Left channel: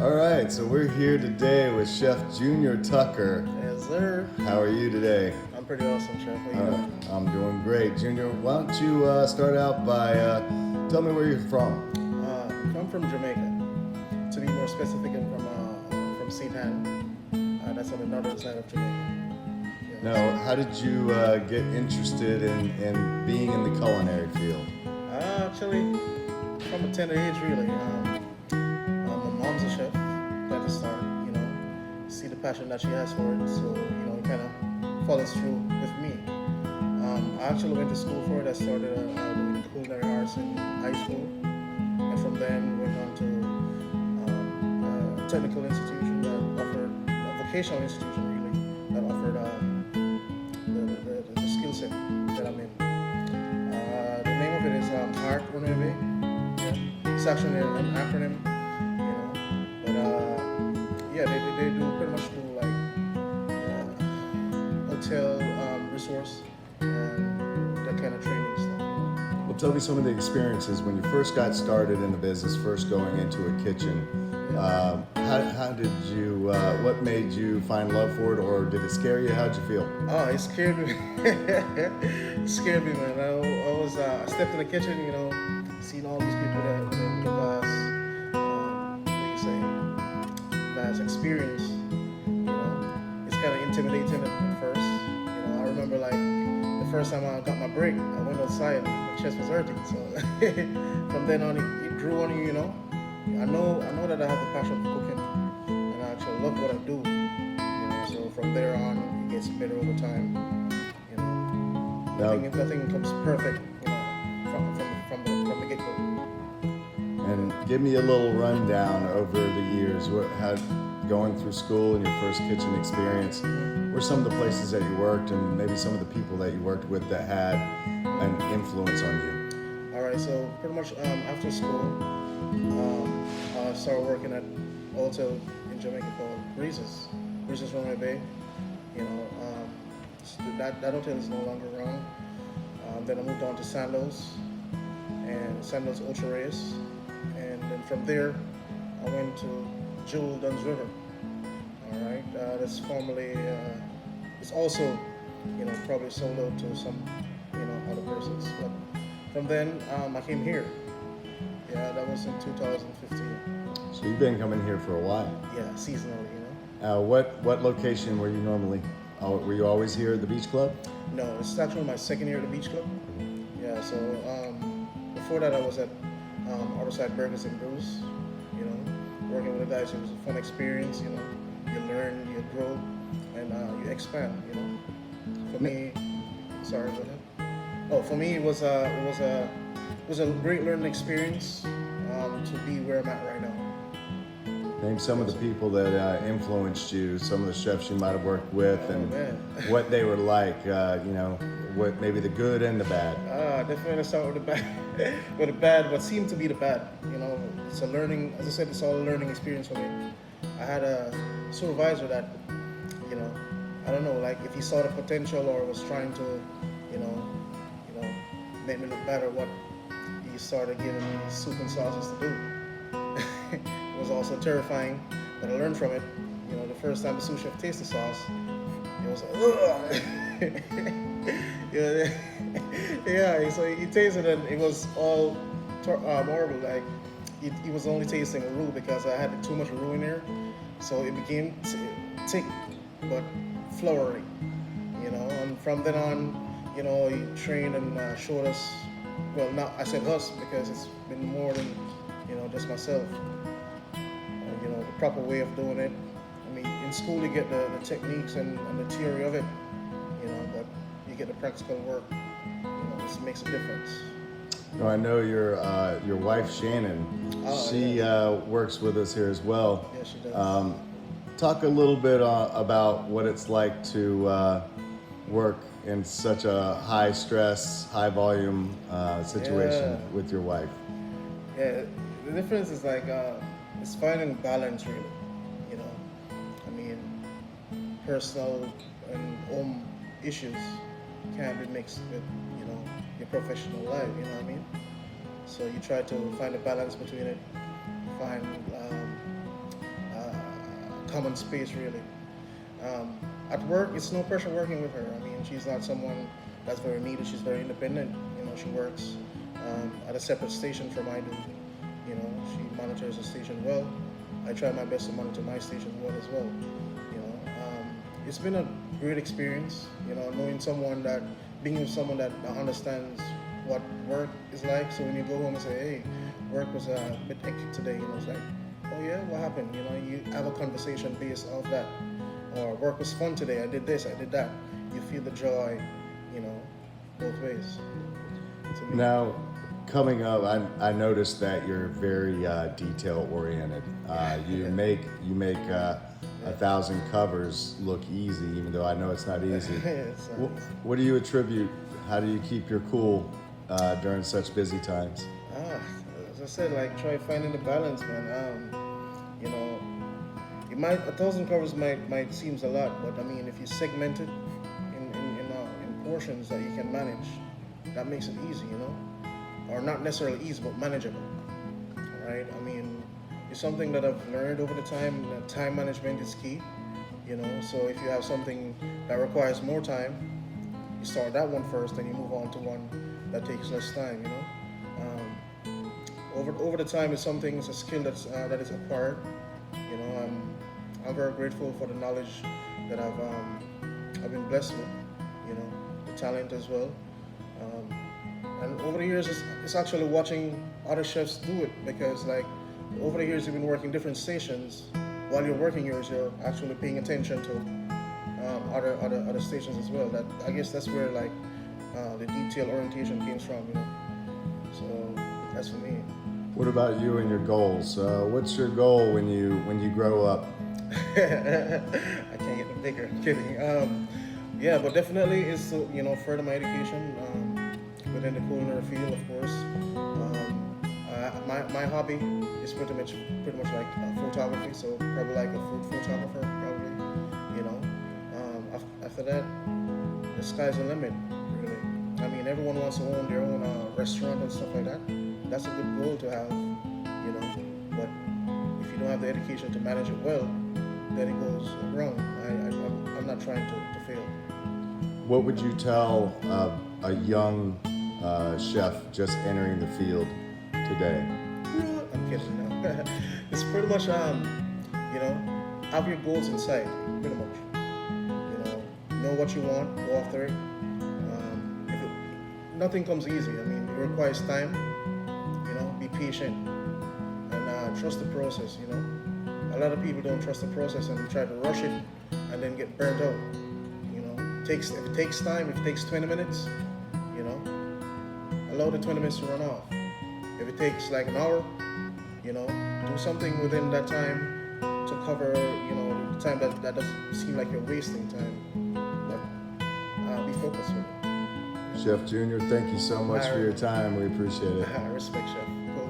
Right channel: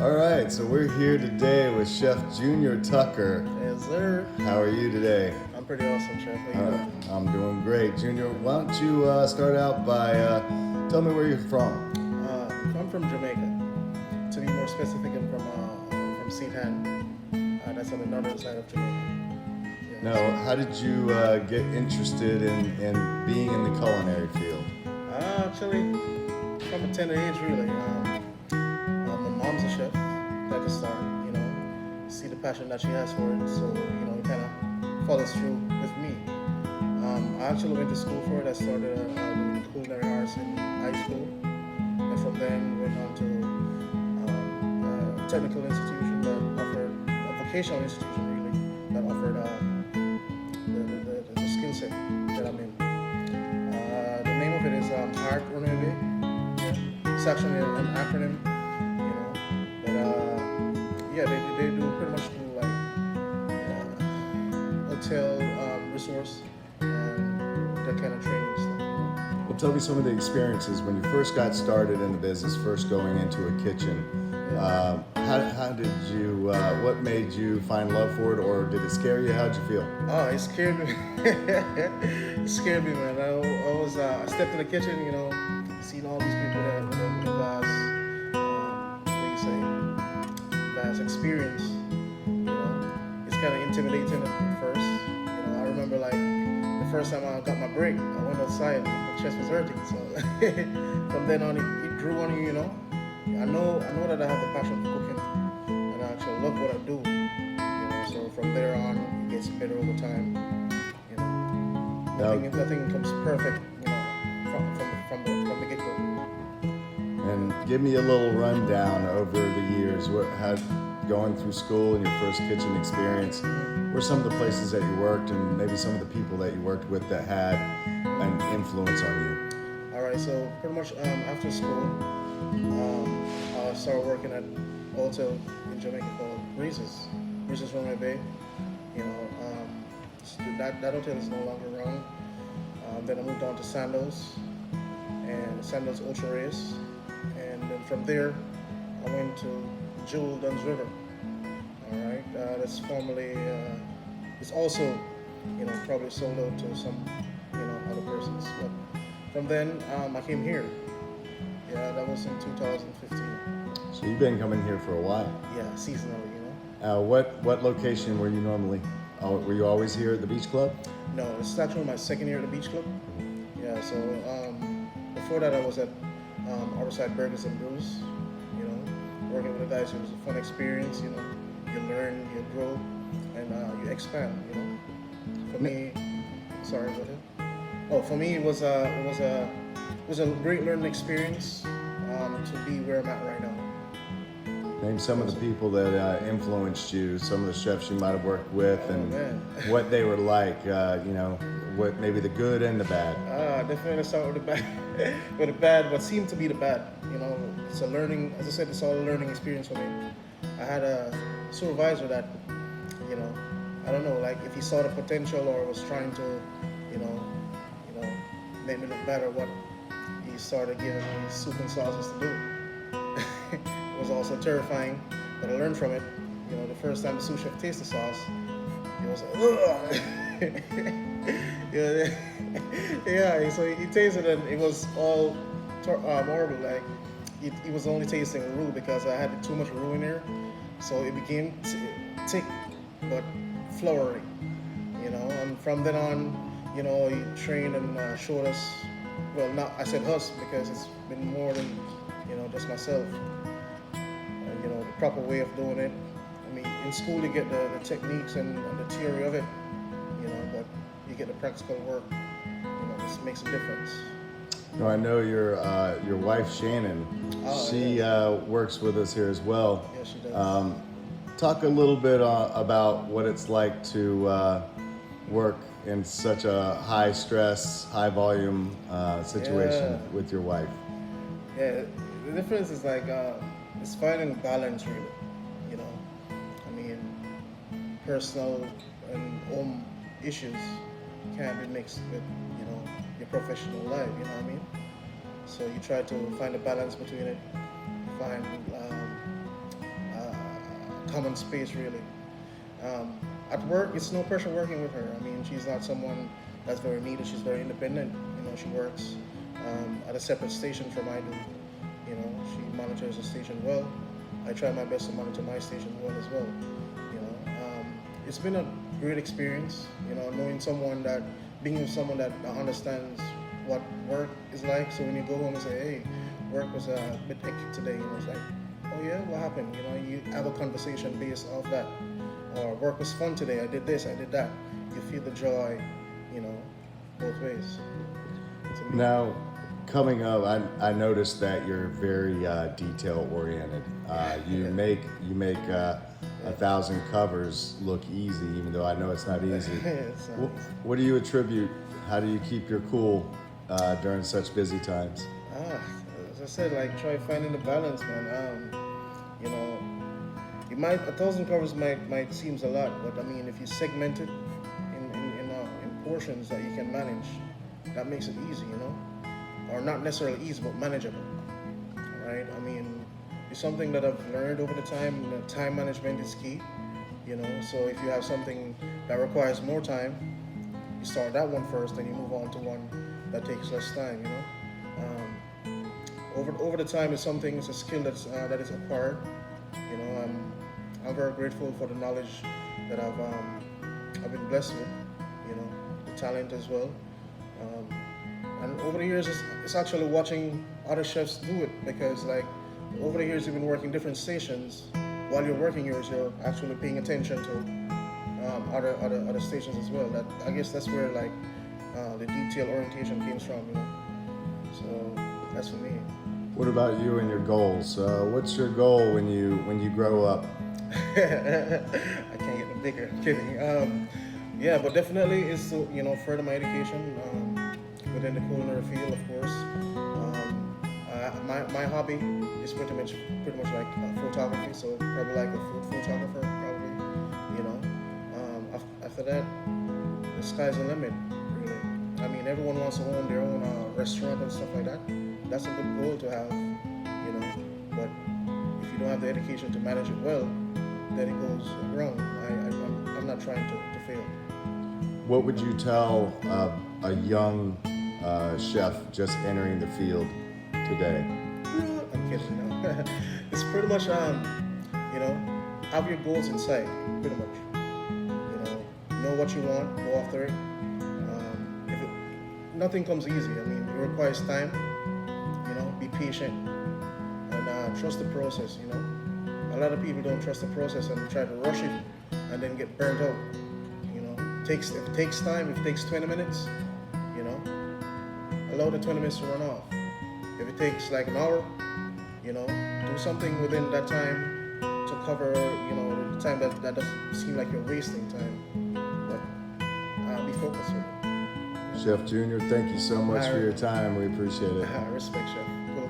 All right, so we're here today with Chef Junior Tucker. Yes, sir. How are you today? I'm pretty awesome, Chef. How you doing? I'm doing great. Junior, why don't you start out by tell me where you're from? I'm from Jamaica. To be more specific, I'm from St. Ann. That's on the northern side of Jamaica. Yeah, No, how did you get interested in being in the culinary field? actually, from a tender age, really. My mom's a chef. At the start, see the passion that she has for it. So it kind of follows through with me. I actually went to school for it. I started doing culinary arts in high school, and from then went on to a technical institution that offered a vocational institution really that offered the skill set that I'm in. The name of it is Heart Runaway. Yeah, it's actually an acronym, you know, but yeah, they do pretty much do like hotel resource and that kind of training stuff. Well, tell me some of the experiences when you first got started in the business, first going into a kitchen. Yeah. How did you, what made you find love for it, or did it scare you? How'd you feel? Oh, it scared me. It scared me, man. I stepped in the kitchen, seeing all these people with a vast, what do you say, vast experience. You know, it's kind of intimidating at first. I remember like the first time I got my break, I went outside and my chest was hurting. So from then on, it grew on you. I know that I have the passion for cooking, and I actually love what I do. So from there on, it gets better over time. You know, Now, nothing comes perfect. From the get go. and give me a little rundown over the years. How going through school and your first kitchen experience? Were some of the places that you worked, and maybe some of the people that you worked with that had an influence on you? All right, so pretty much after school, I started working at a hotel in Jamaica called Breezes Runway Bay. That hotel is no longer around. Then I moved on to Sandoz and Sandoz Ultra Race, and then from there, I went to Jewel Duns River. All right, that's formerly, it's also, probably sold out to some, other persons. But from then, I came here. Yeah, that was in 2015. So you've been coming here for a while. Yeah, seasonally. What location were you normally? Were you always here at the beach club? No, it's actually my second year at the beach club. Yeah, so before that I was at Harborside Burgers and Brews, working with the guys. It was a fun experience, you learn, you grow, and you expand, For me, sorry, go ahead. Oh, for me it was a great learning experience to be where I'm at right now. Name some of the people that influenced you, some of the chefs you might have worked with, Oh and man. what they were like. What maybe the good and the bad. Definitely start with the bad. With the bad, what seemed to be the bad. It's a learning. As I said, it's all a learning experience for me. I had a supervisor that, I don't know, like if he saw the potential or was trying to, you know, make me look better. What he started giving me soup and sauces to do. It was also terrifying, but I learned from it. The first time the sous chef tasted the sauce, it was ugh. Yeah, yeah. So he tasted it, and it was all horrible. Like he was only tasting roux because I had too much roux in there, so it became thick, but floury. And from then on, he trained and showed us. Well, not I said us because it's been more than just myself. The proper way of doing it. I mean, in school you get the techniques and the theory of it, but you get the practical work. This makes a difference. I know your wife Shannon. Oh, She yes. works with us here as well. Yes, she does. Talk a little bit about what it's like to work in such a high stress, high volume situation Yeah. with your wife. Yeah, the difference is like it's finding balance, really. You know, I mean, personal and home issues can't be mixed with your professional life. You know what I mean? So you try to find a balance between it, find common space really. At work, it's no pressure working with her. I mean, she's not someone that's very needed. She's very independent. You know, she works at a separate station from I do. You know, she monitors the station well. I try my best to monitor my station well as well. You know, it's been a great experience. You know, knowing someone that, being with someone that understands what work is like. So when you go home and say, "Hey, work was a bit hectic today," you know, it's like, "Oh yeah, what happened?" You know, you have a conversation based off that. Or work was fun today. I did this. I did that. You feel the joy. You know, both ways. To me. Now, coming up, I noticed that you're very detail oriented. You make 1,000 covers look easy, even though I know it's not easy. It's not easy. What do you attribute? How do you keep your cool during such busy times? Ah, as I said, like try finding the balance, man. You know, it might 1,000 covers might seems a lot, but I mean, if you segment it in portions that you can manage, that makes it easy, you know, or not necessarily easy, but manageable, right? I mean, it's something that I've learned over the time. That time management is key, you know. So if you have something that requires more time, you start that one first, then you move on to one that takes less time, you know. Over the time, it's a skill that is acquired. You know, I'm very grateful for the knowledge that I've been blessed with. You know, the talent as well. And over the years, it's actually watching other chefs do it, because like over the years you've been working different stations. While you're working yours, you're actually paying attention to other stations as well. That, I guess that's where like the detail orientation comes from. You know, so that's for me. What about you and your goals? What's your goal when you grow up? I can't get them bigger. I'm kidding. Yeah, but definitely is to, you know, further my education within the culinary field, of course. My hobby is pretty much like photography, so probably like a food photographer, probably. You know, after that, the sky's the limit, really. I mean, everyone wants to own their own restaurant and stuff like that. That's a good goal to have, you know. But if you don't have the education to manage it well, then it goes wrong. I'm not trying to fail. What would you tell a young chef just entering the field today? I'm kidding, no. It's pretty much, you know, have your goals in sight, pretty much. You know what you want, go after it. If it, Nothing comes easy. I mean, it requires time. You know, be patient and trust the process. You know, a lot of people don't trust the process and try to rush it, and then get burnt out. You know, if it takes time, if it takes 20 minutes, you know, allow the 20 minutes to run off. If it takes like an hour, you know, do something within that time to cover, you know, the time that doesn't seem like you're wasting time. But be focused with it. Chef Junior, thank you so much for your time. We appreciate it. Respect, chef. Cool.